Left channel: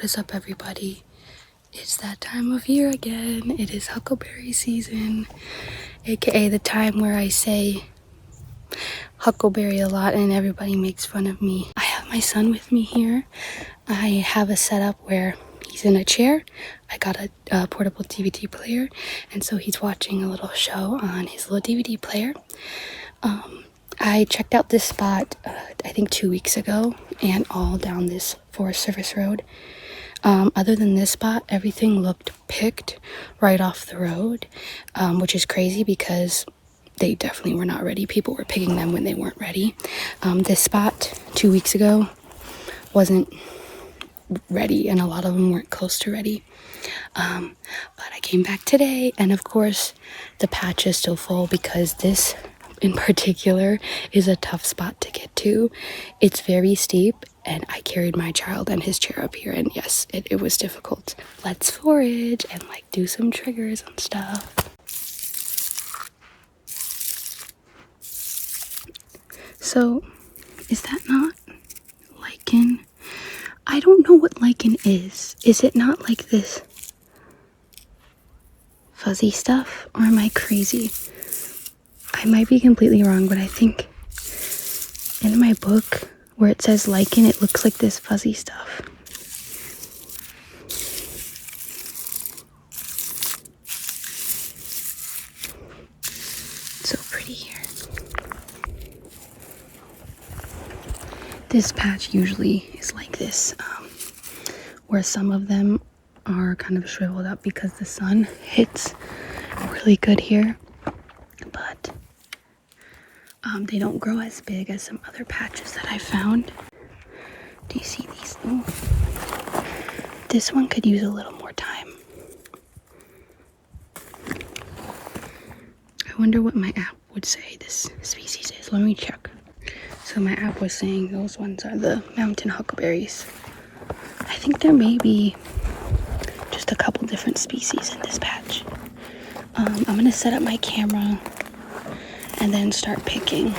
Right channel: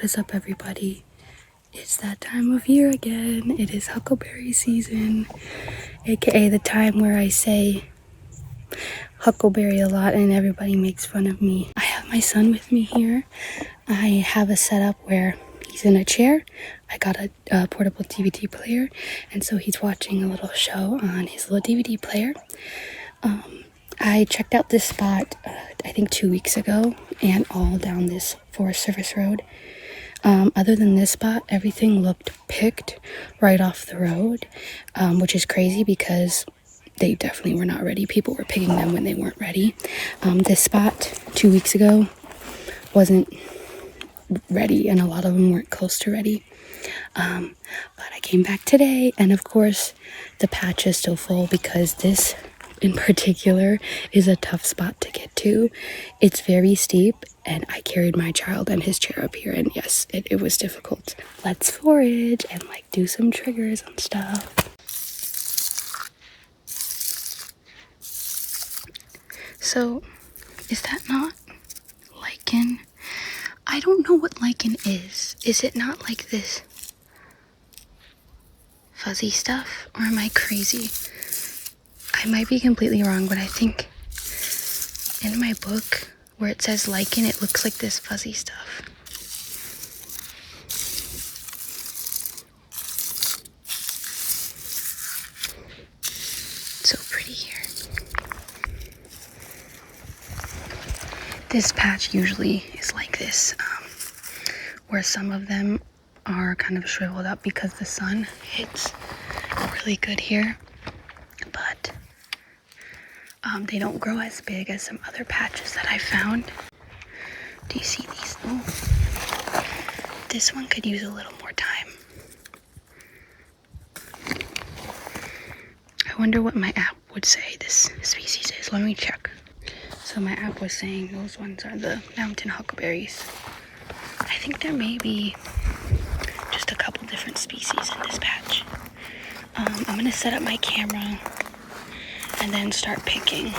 What is up, everybody? It's that time of year again. It is huckleberry season, aka the time where I say huckleberry a lot and everybody makes fun of me. I have my son with me here. I have a setup where he's in a chair. I got a portable DVD player, and so he's watching a little show on his little DVD player. I checked out this spot, I think 2 weeks ago, and all down this Forest Service Road. Other than this spot, everything looked picked right off the road, which is crazy because they definitely were not ready. People were picking them when they weren't ready. This spot 2 weeks ago wasn't ready, and a lot of them weren't close to ready. But I came back today, and of course the patch is still full because this in particular is a tough spot to get to. It's very steep, and I carried my child and his chair up here, and yes, it was difficult. Let's forage and do some triggers and stuff. So, is that not lichen? I don't know what lichen is. Is it not like this fuzzy stuff, or am I crazy? I might be completely wrong, but I think in my book where it says lichen, it looks like this fuzzy stuff. So pretty here. This patch usually is like this, where some of them are kind of shriveled up because the sun hits really good here, but they don't grow as big as some other patches that I found. Do you see these? Oh, this one could use a little more time. I wonder what my app would say this species is. Let me check. So my app was saying those ones are the mountain huckleberries. I think there may be just a couple different species in this patch. I'm gonna set up my camera and then start picking.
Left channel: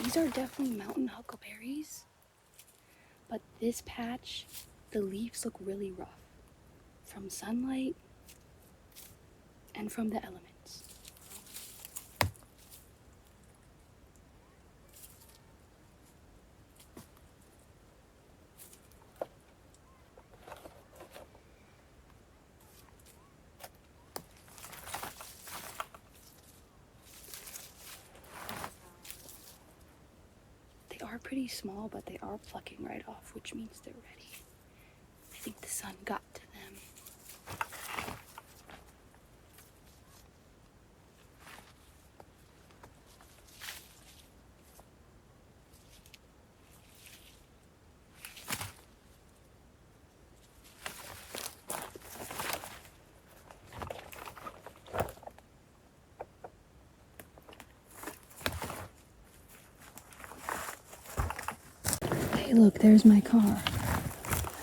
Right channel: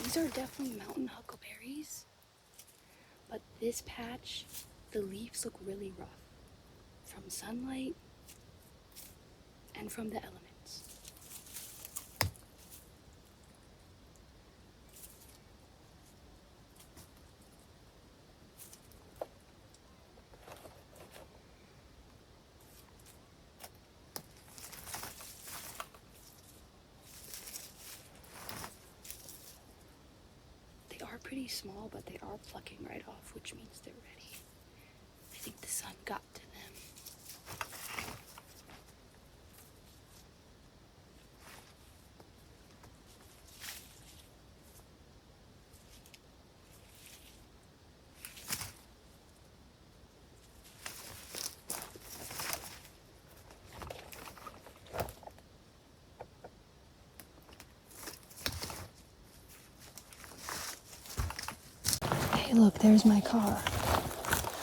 These are definitely mountain huckleberries, but this patch, the leaves look really rough from sunlight and from the elements. They are pretty small, but they are plucking right off, which means they're ready. I think the sun got to them. Hey, look, there's my car.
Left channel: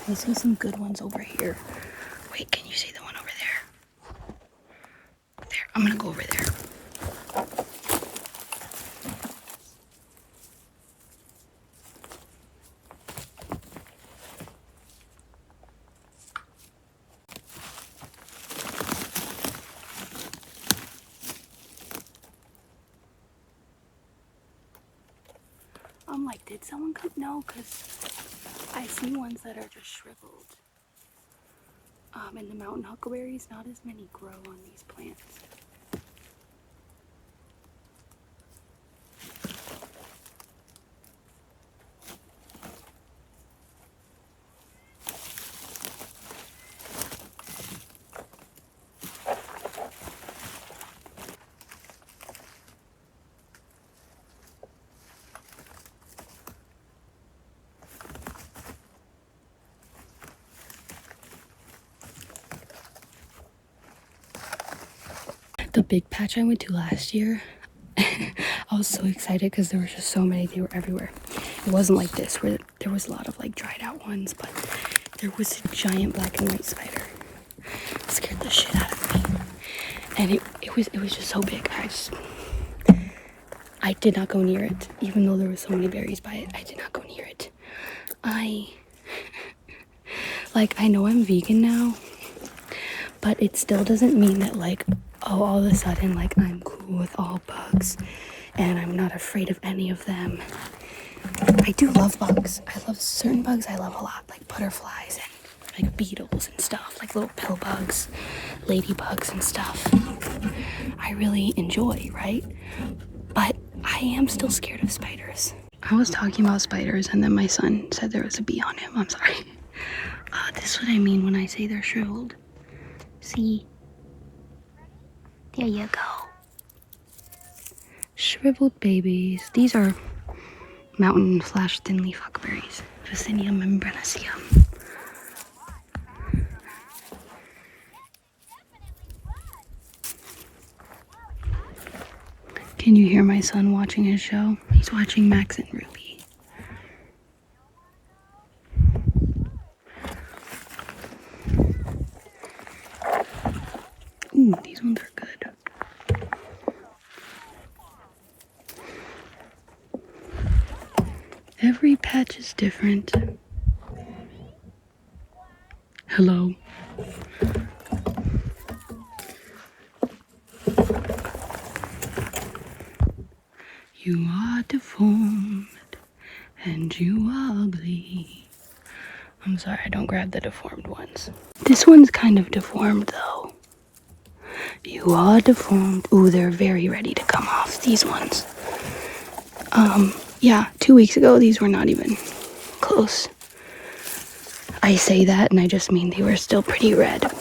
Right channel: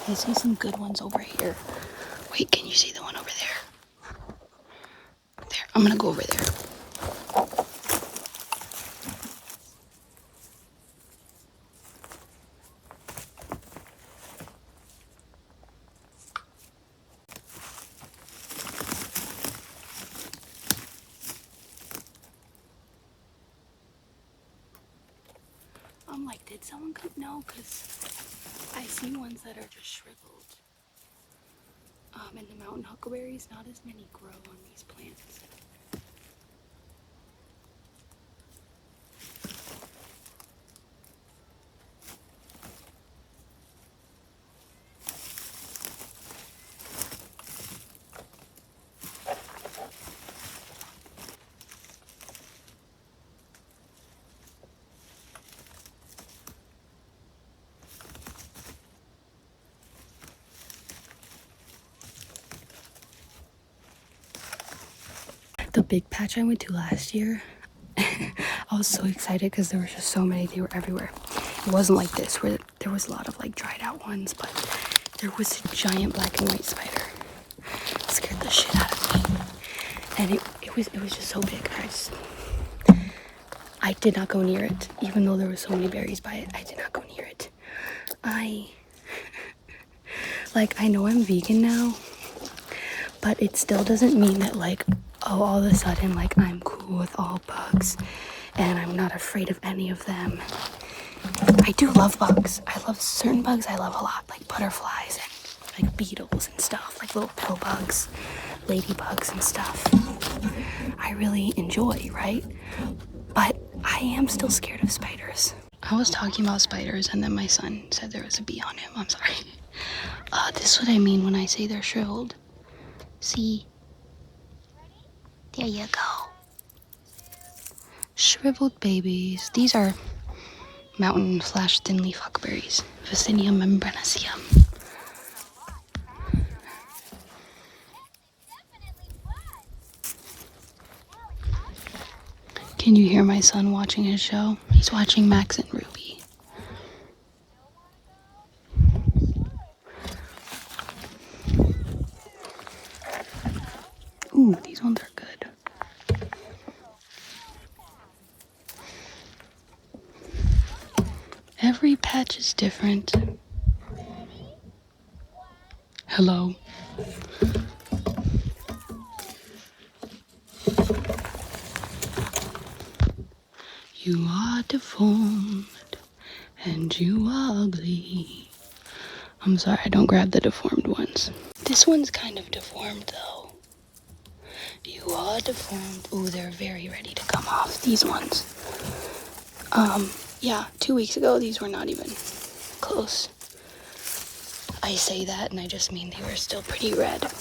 I see some good ones over here. Wait, can you see the one over there? There, I'm gonna go over there. I'm like, did someone come? No, because I see ones that are just shriveled. And the mountain huckleberries, not as many grow on these plants. The big patch I went to last year, I was so excited because there were just so many. They were everywhere. It wasn't like this where there was a lot of dried out ones, but there was a giant black and white spider. It scared the shit out of me, and it was just so big. I did not go near it, even though there were so many berries by it. I did not go near it. I Like, I know I'm vegan now, but it still doesn't mean that, like, oh, all of a sudden, like, I'm cool with all bugs and I'm not afraid of any of them. I do love bugs. I love certain bugs I love a lot, like butterflies and like beetles and stuff, like little pill bugs, ladybugs and stuff. I really enjoy, right? But I am still scared of spiders. I was talking about spiders and then my son said there was a bee on him. I'm sorry. This is what I mean when I say they're shriveled. See? There you go. Shriveled babies. These are mountain / thin leaf huckleberries. Vaccinium membranaceum. Can you hear my son watching his show? He's watching Max and Ruby. Ooh, these ones are good. Every patch is different. Hello. You are deformed and you are ugly. I'm sorry, don't grab the deformed ones. This one's kind of deformed though. You are deformed. Ooh, they're very ready to come off, these ones. Yeah, 2 weeks ago, these were not even close. I say that and I just mean they were still pretty red.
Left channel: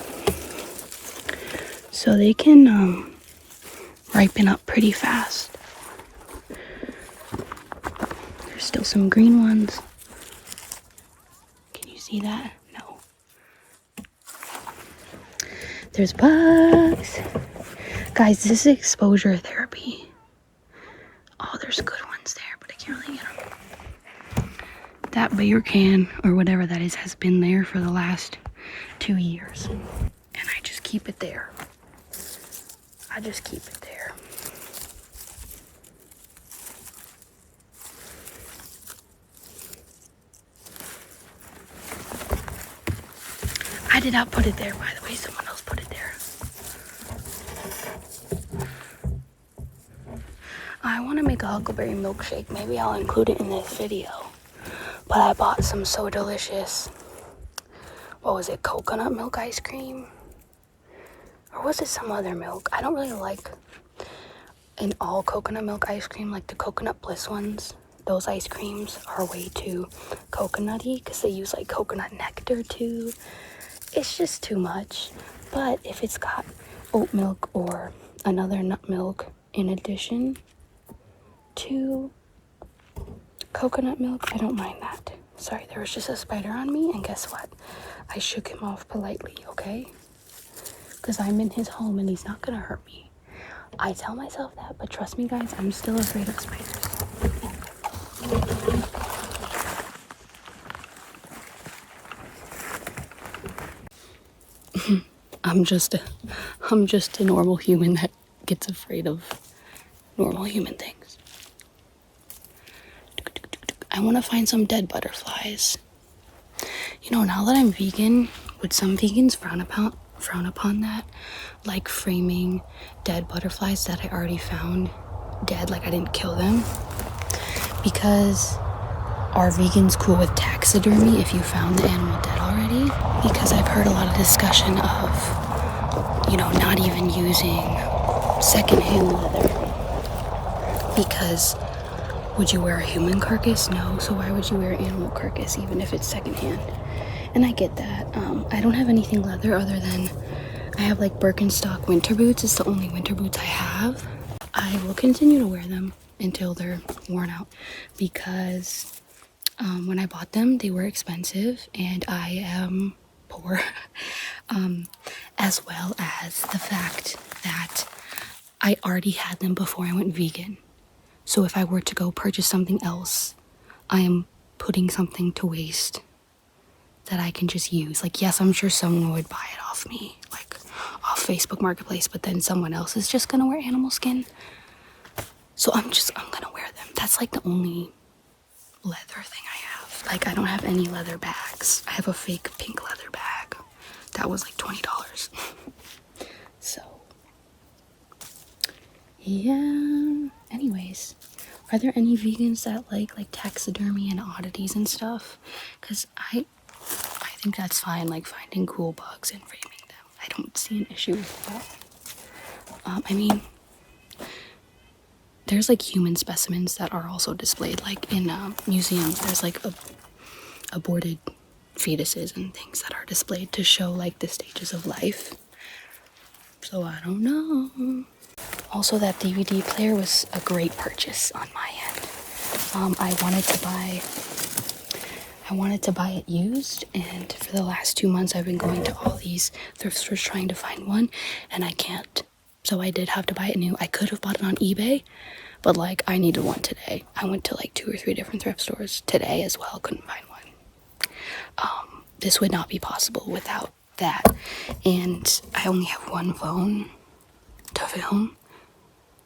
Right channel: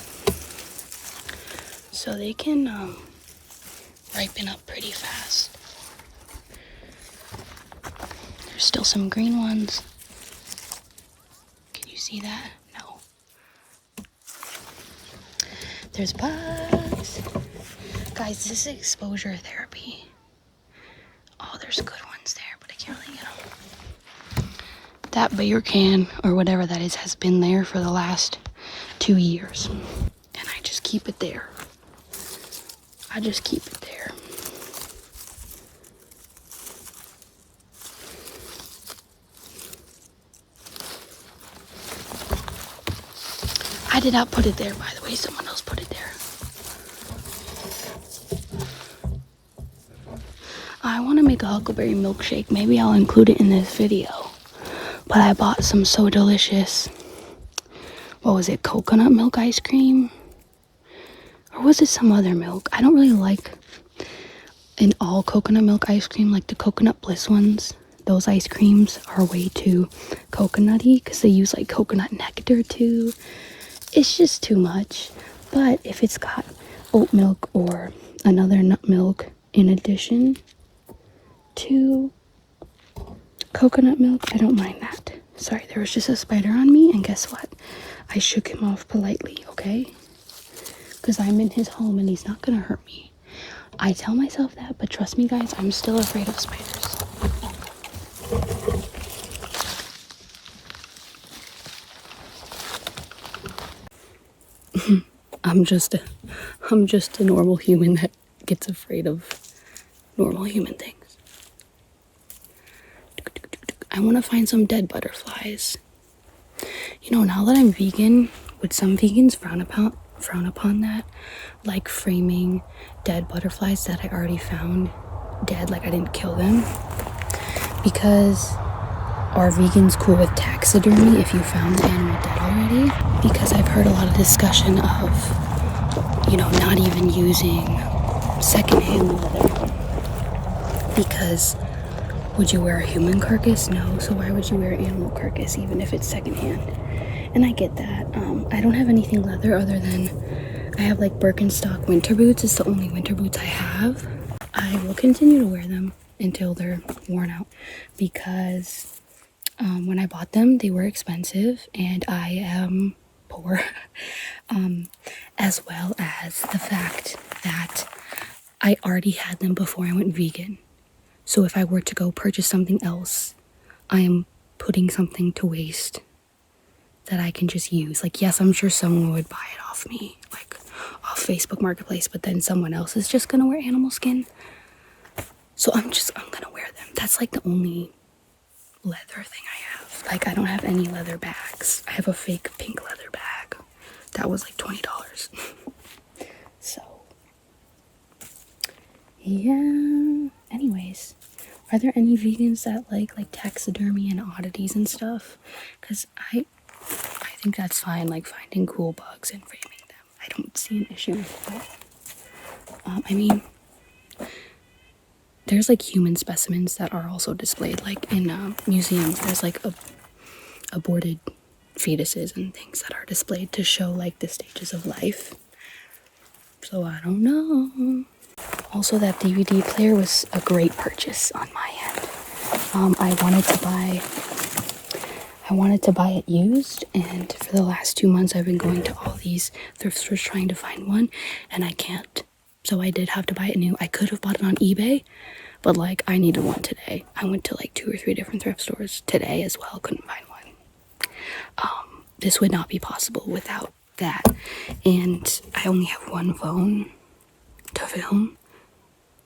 So they can ripen up pretty fast. There's still some green ones. Can you see that? No. There's bugs. Guys, this is exposure therapy. Oh, there's good ones there, but I can't really get them. That beer can, or whatever that is, has been there for the last 2 years. And I just keep it there. I just keep it there. I did not put it there, by the way. Someone else put it there. I want to make a huckleberry milkshake. Maybe I'll include it in this video. But I bought some so delicious, what was it, coconut milk ice cream? Or was it some other milk? I don't really like an all coconut milk ice cream, like the coconut bliss ones. Those ice creams are way too coconutty because they use like coconut nectar too. It's just too much. But if it's got oat milk or another nut milk in addition to coconut milk, I don't mind that. Sorry, there was just a spider on me, and guess what? I shook him off politely, okay? Because I'm in his home and he's not gonna hurt me. I tell myself that, but trust me guys, I'm still afraid of spiders. I'm just a normal human that gets afraid of normal human things. I want to find some dead butterflies. You know, now that I'm vegan, would some vegans frown upon that? Like framing dead butterflies that I already found dead, like I didn't kill them? Because are vegans cool with taxidermy if you found the animal dead already? Because I've heard a lot of discussion of, you know, not even using secondhand leather. Because would you wear a human carcass? No. So why would you wear an animal carcass even if it's secondhand? And I get that. I don't have anything leather other than I have like Birkenstock winter boots. It's the only winter boots I have. I will continue to wear them until they're worn out because when I bought them, they were expensive and I am poor. As well as the fact that I already had them before I went vegan. So if I were to go purchase something else, I am putting something to waste that I can just use. Like, yes, I'm sure someone would buy it off me, like off Facebook Marketplace, but then someone else is just gonna wear animal skin. So I'm gonna wear them. That's like the only leather thing I have. Like, I don't have any leather bags. I have a fake pink leather bag that was like $20. So yeah, anyways, are there any vegans that like taxidermy and oddities and stuff? Because I think that's fine, like finding cool bugs and framing them. I don't see an issue with that. I mean, there's like human specimens that are also displayed, like in museums. There's like aborted fetuses and things that are displayed to show like the stages of life. So I don't know. Also, that DVD player was a great purchase on my end. I wanted to buy it used, and for the last 2 months I've been going to all these thrift stores trying to find one, and I can't. So I did have to buy it new. I could have bought it on eBay, but like I needed one today. I went to like 2 or 3 different thrift stores today as well, couldn't find one. This would not be possible without that. And I only have one phone to film.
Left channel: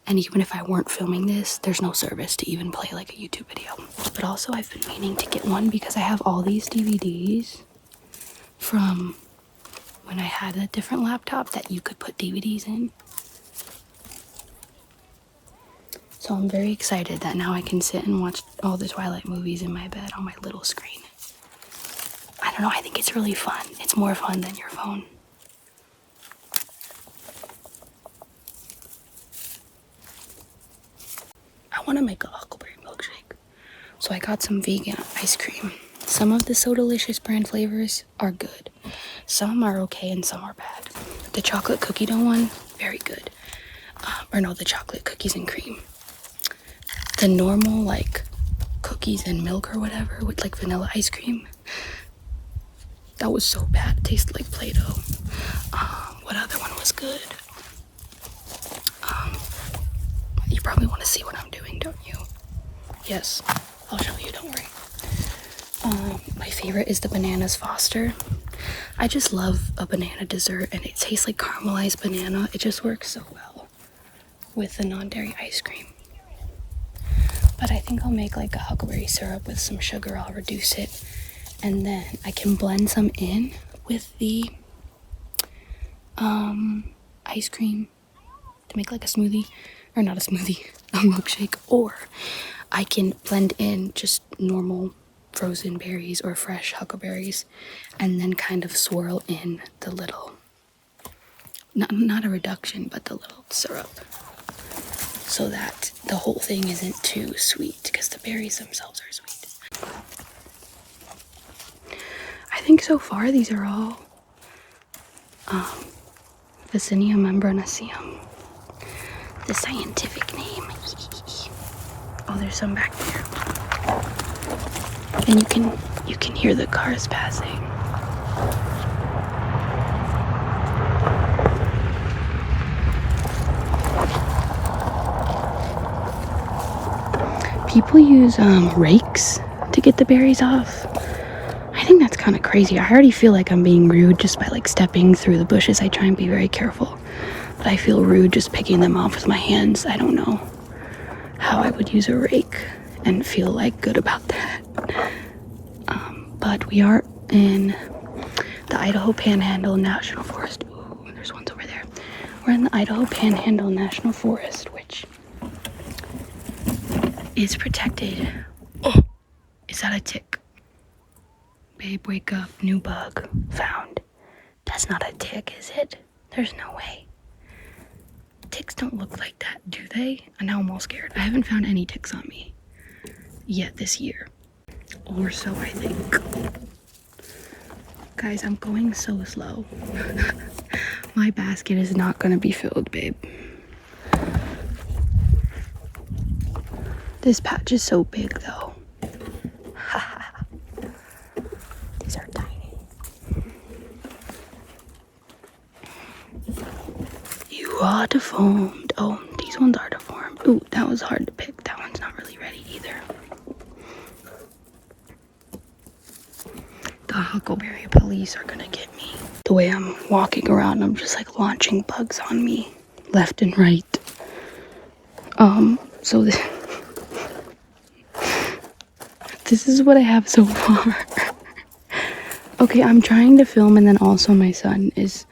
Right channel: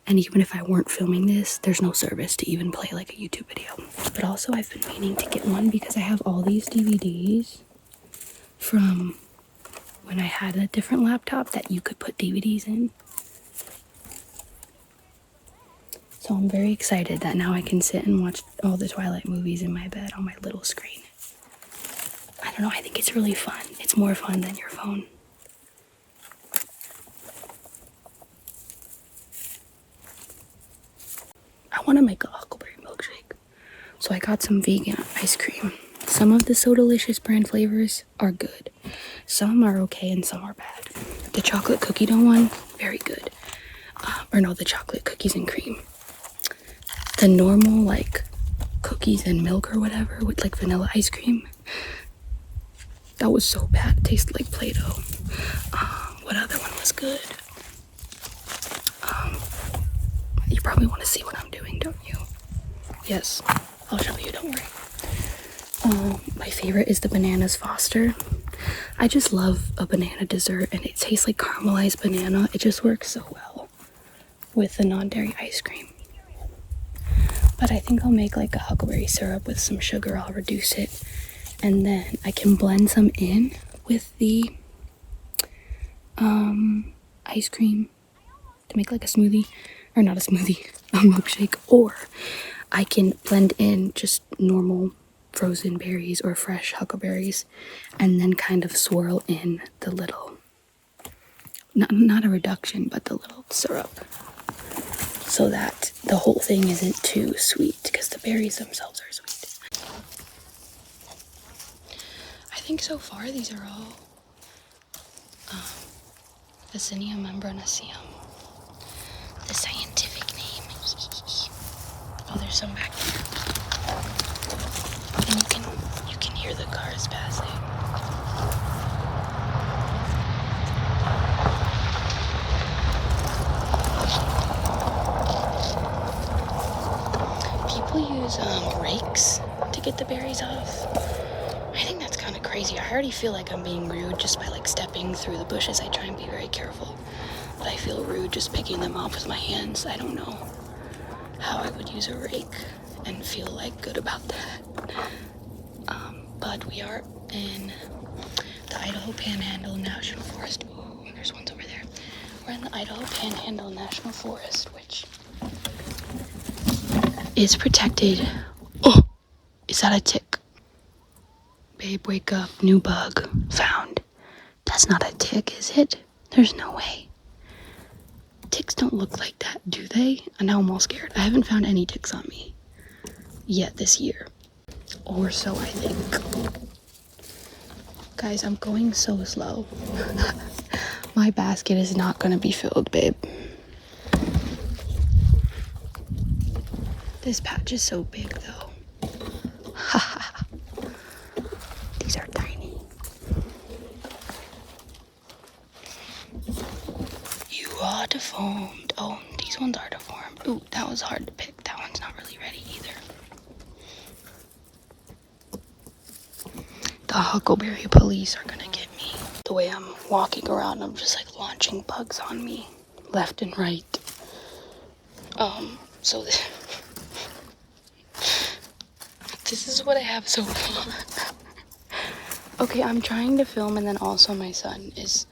And even if I weren't filming this, there's no service to even play like a YouTube video. But also I've been meaning to get one because I have all these DVDs from when I had a different laptop that you could put DVDs in. So I'm very excited that now I can sit and watch all the Twilight movies in my bed on my little screen. I don't know, I think it's really fun. It's more fun than your phone. I want to make a huckleberry milkshake. So I got some vegan ice cream. Some of the So Delicious brand flavors are good. Some are okay and some are bad. The chocolate cookie dough one, very good. The chocolate cookies and cream. The normal like cookies and milk or whatever with like vanilla ice cream, that was so bad. It tasted like Play-Doh. What other one was good? You probably want to see what I'm doing, don't you? Yes, I'll show you, don't worry. My favorite is the Bananas Foster. I just love a banana dessert, and it tastes like caramelized banana. It just works so well with the non-dairy ice cream. But I think I'll make like a huckleberry syrup with some sugar. I'll reduce it, and then I can blend some in with the ice cream to make like a smoothie, or not a smoothie, a milkshake. Or I can blend in just normal frozen berries or fresh huckleberries and then kind of swirl in the little, not a reduction, but the little syrup, so that the whole thing isn't too sweet, because the berries themselves are sweet. I think so far these are all Vaccinium membranaceum, the scientific name. Oh, there's some back there. And you can hear the cars passing. People use rakes to get the berries off. I think that's kind of crazy. I already feel like I'm being rude just by like stepping through the bushes. I try and be very careful, but I feel rude just picking them off with my hands. I don't know how I would use a rake and feel like good about that. But we are in the Idaho Panhandle National Forest. Ooh, there's ones over there. We're in the Idaho Panhandle National Forest, which is protected. Oh, is that a tick? Babe, wake up. New bug found. That's not a tick, is it? There's no way. Ticks don't look like that, do they? And now I'm all scared. I haven't found any ticks on me yet this year. Or so I think. Guys, I'm going so slow. My basket is not gonna be filled, babe. This patch is so big, though. These are tiny. You are deformed. Oh, these ones are deformed. Ooh, that was hard to pick. That one's not really ready either. The huckleberry police are gonna get me. The way I'm walking around, I'm just like launching bugs on me left and right. So this This is what I have so far. Okay, I'm trying to film, and then also my son is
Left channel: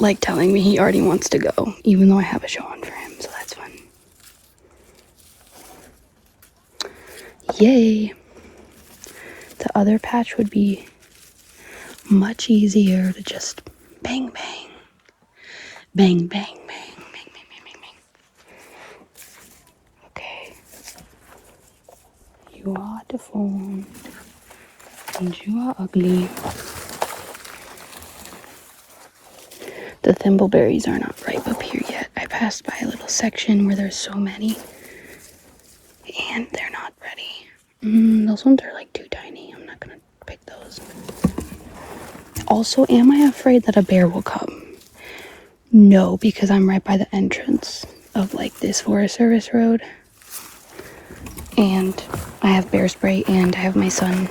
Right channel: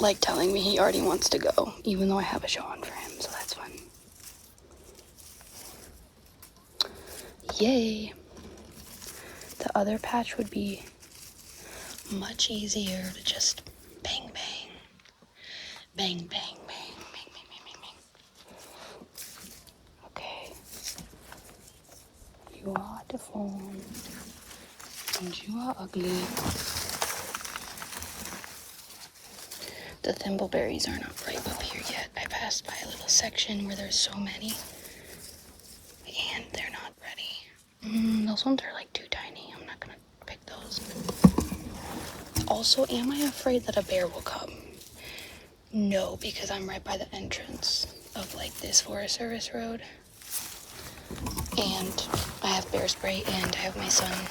like telling me he already wants to go, even though I have a show on for him, so that's fun. Yay! The other patch would be much easier to just bang bang. Bang bang bang. Bang bang bang bang bang. Okay. You are deformed. And you are ugly. The thimbleberries are not ripe up here yet. I passed by a little section where there's so many. And they're not ready. Those ones are like too tiny. I'm not gonna pick those. Also, am I afraid that a bear will come? No, because I'm right by the entrance of like this Forest Service road. And I have bear spray, and I have my son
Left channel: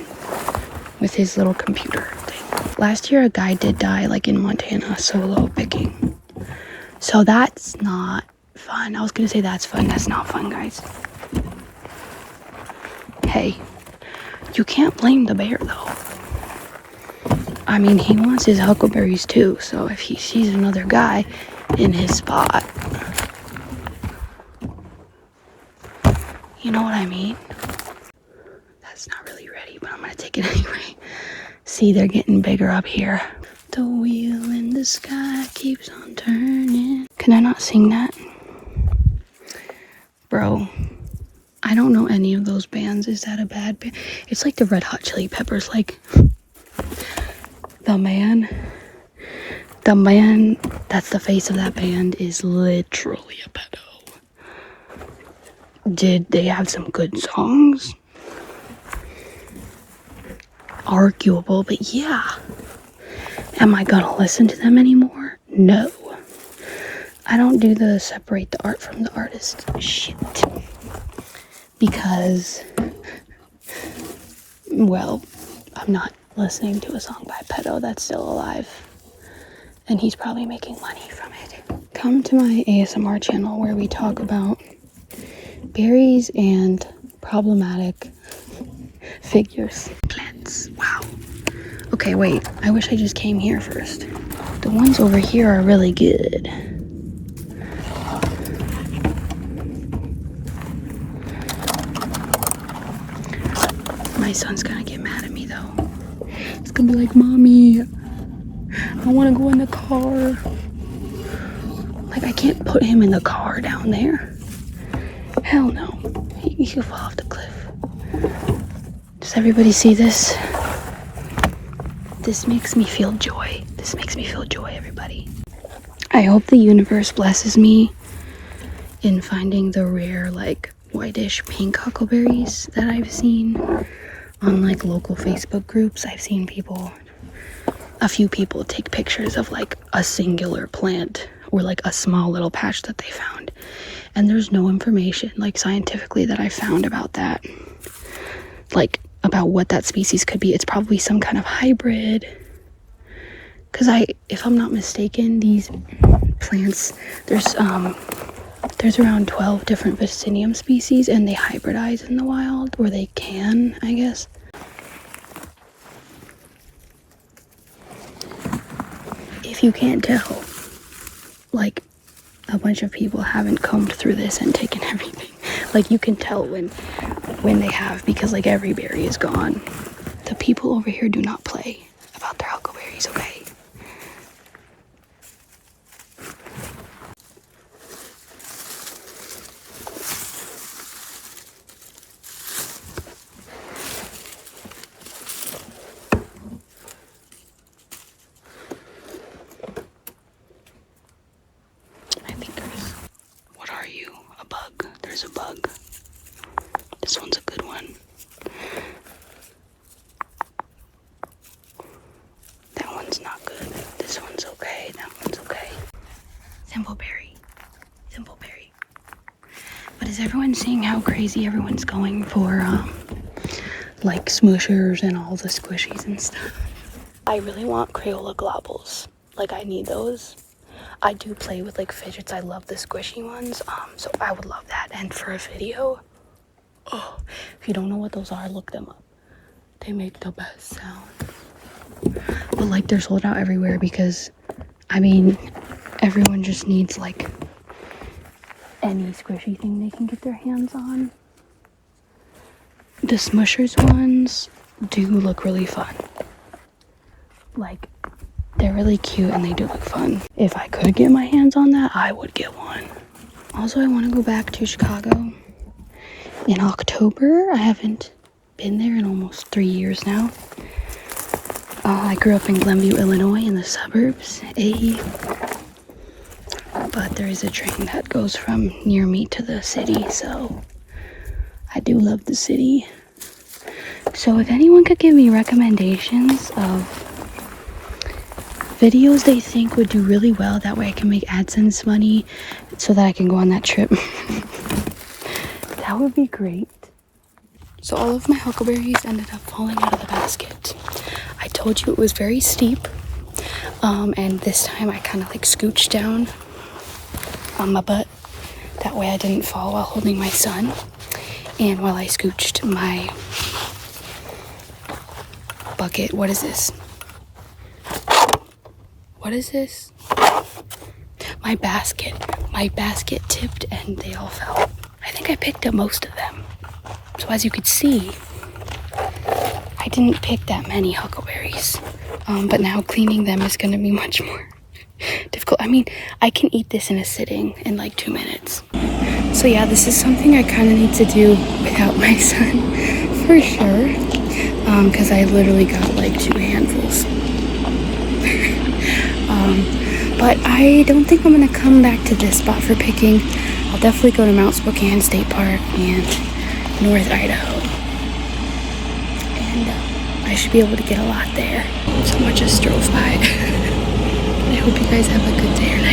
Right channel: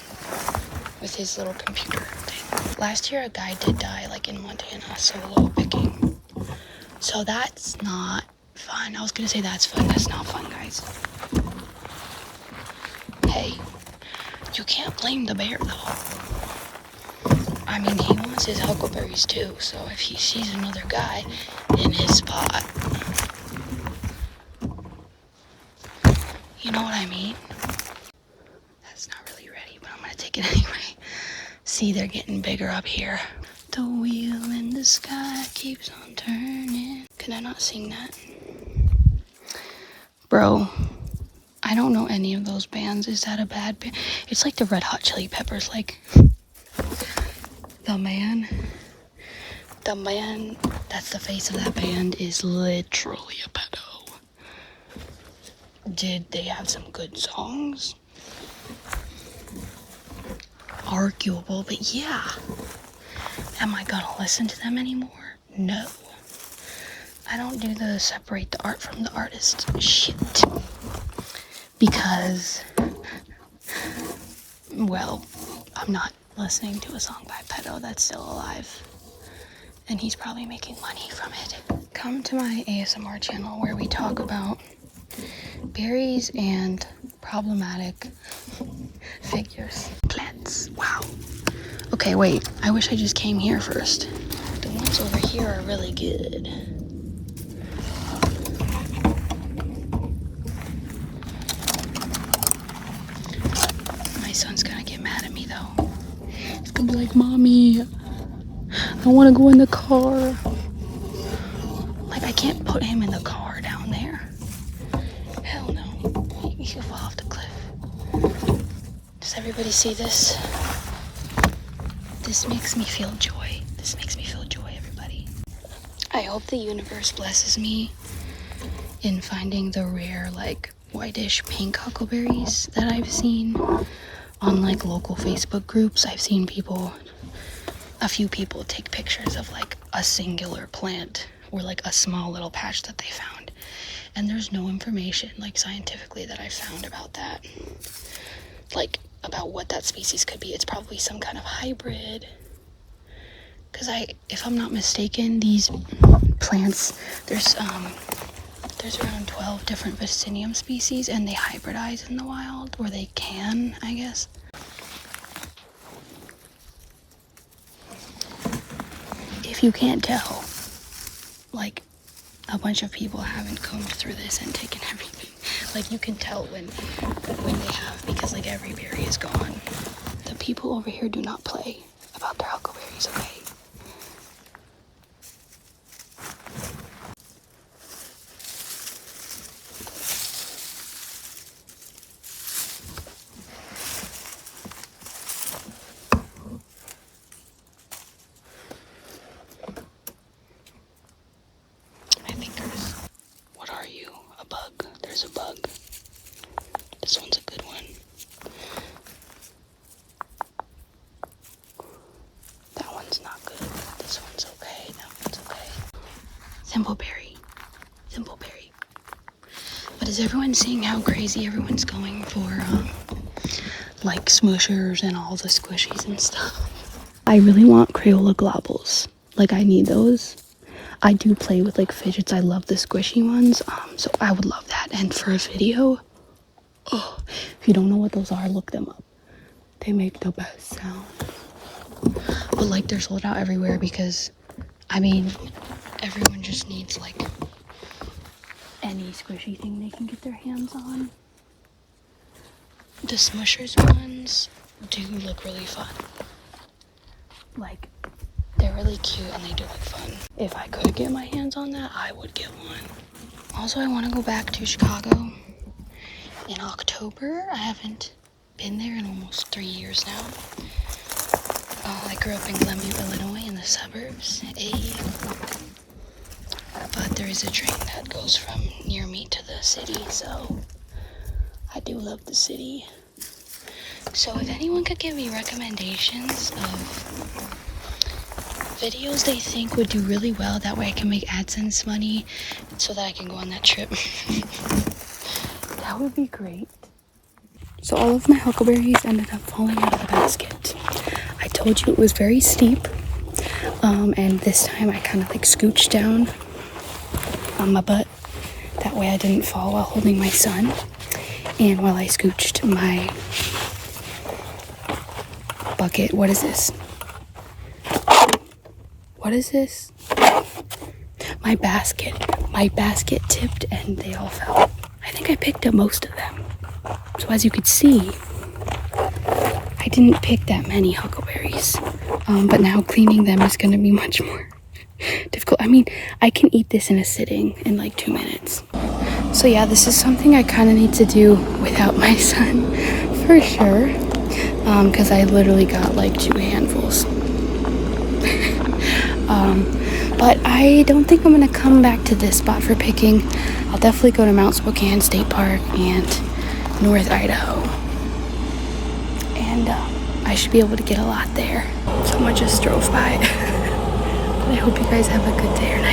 with his little computer thing. Last year a guy did die like in Montana solo picking. So that's not fun. I was gonna say that's fun. That's not fun, guys. Hey, you can't blame the bear though. I mean, he wants his huckleberries too, so if he sees another guy in his spot, you know what I mean? That's not really ready, but I'm gonna take it anyway. See, they're getting bigger up here. The wheel in the sky keeps on turning. Can I not sing that? Bro, I don't know any of those bands. Is that a bad band? It's like the Red Hot Chili Peppers, like the man, that's the face of that band, is literally a pedo. Did they have some good songs? Arguable, but yeah. Am I gonna listen to them anymore? No. I don't do the separate the art from the artist shit. Because, well, I'm not listening to a song by Pedo that's still alive. And he's probably making money from it. Come to my ASMR channel where we talk about berries and problematic figures. Plants. Wow. Okay, wait. I wish I just came here first. The ones over here are really good. My son's gonna get mad at me though. He's gonna be like, Mommy, I wanna go in the car. Like, I can't put him in the car down there. Hell no. He'll fall off the cliff. Does everybody see this? This makes me feel joy. This makes me feel joy, everybody. I hope the universe blesses me in finding the rare, like, whitish pink huckleberries that I've seen on, like, local Facebook groups. I've seen a few people take pictures of, like, a singular plant or, like, a small little patch that they found. And there's no information, like, scientifically that I found about that. Like, about what that species could be. It's probably some kind of hybrid. Because if I'm not mistaken, these plants, there's around 12 different Vaccinium species, and they hybridize in the wild, or they can, I guess. If you can't tell, like, a bunch of people haven't combed through this and taken everything. Like, you can tell when they have, because, like, every berry is gone. The people over here do not play about their huckleberries, okay? I think what are you? A bug. There's a bug. This one's a good one. That one's not good. This one's okay. That one's okay. Thimbleberry. Thimbleberry. But is everyone seeing how crazy everyone's going for, like, smushers and all the squishies and stuff? I really want Crayola globbles. Like, I need those. I do play with, like, Fidgets. I love the squishy ones. So I would love that. And for a video, If you don't know what those are, look them up. They make the best sound. But like they're sold out everywhere because, I mean, everyone just needs like any squishy thing they can get their hands on. The Smushers ones do look really fun. Like, they're really cute and they do look fun. If I could get my hands on that, I would get one. Also, I want to go back to Chicago in October. I haven't been there in almost 3 years now. I grew up in Glenview, Illinois in the suburbs. But there is a train that goes from near me to the city, so I do love the city. So if anyone could give me recommendations of videos they think would do really well, that way I can make AdSense money so that I can go on that trip. That would be great. So all of my huckleberries ended up falling out of the basket. I told you it was very steep. And this time I kind of like scooched down on my butt. That way I didn't fall while holding my son. And while I scooched my bucket, what is this? What is this? My basket tipped and they all fell. I think I picked up most of them. So as you could see, I didn't pick that many huckleberries. But now cleaning them is going to be much more difficult. I mean, I can eat this in a sitting in like 2 minutes. So yeah, this is something I kind of need to do without my son for sure. Because I literally got like 2 handfuls. But I don't think I'm going to come back to this spot for picking. I'll definitely go to Mount Spokane State Park and North Idaho. And I should be able to get a lot there. Someone just drove by. I hope you guys have a good day or night.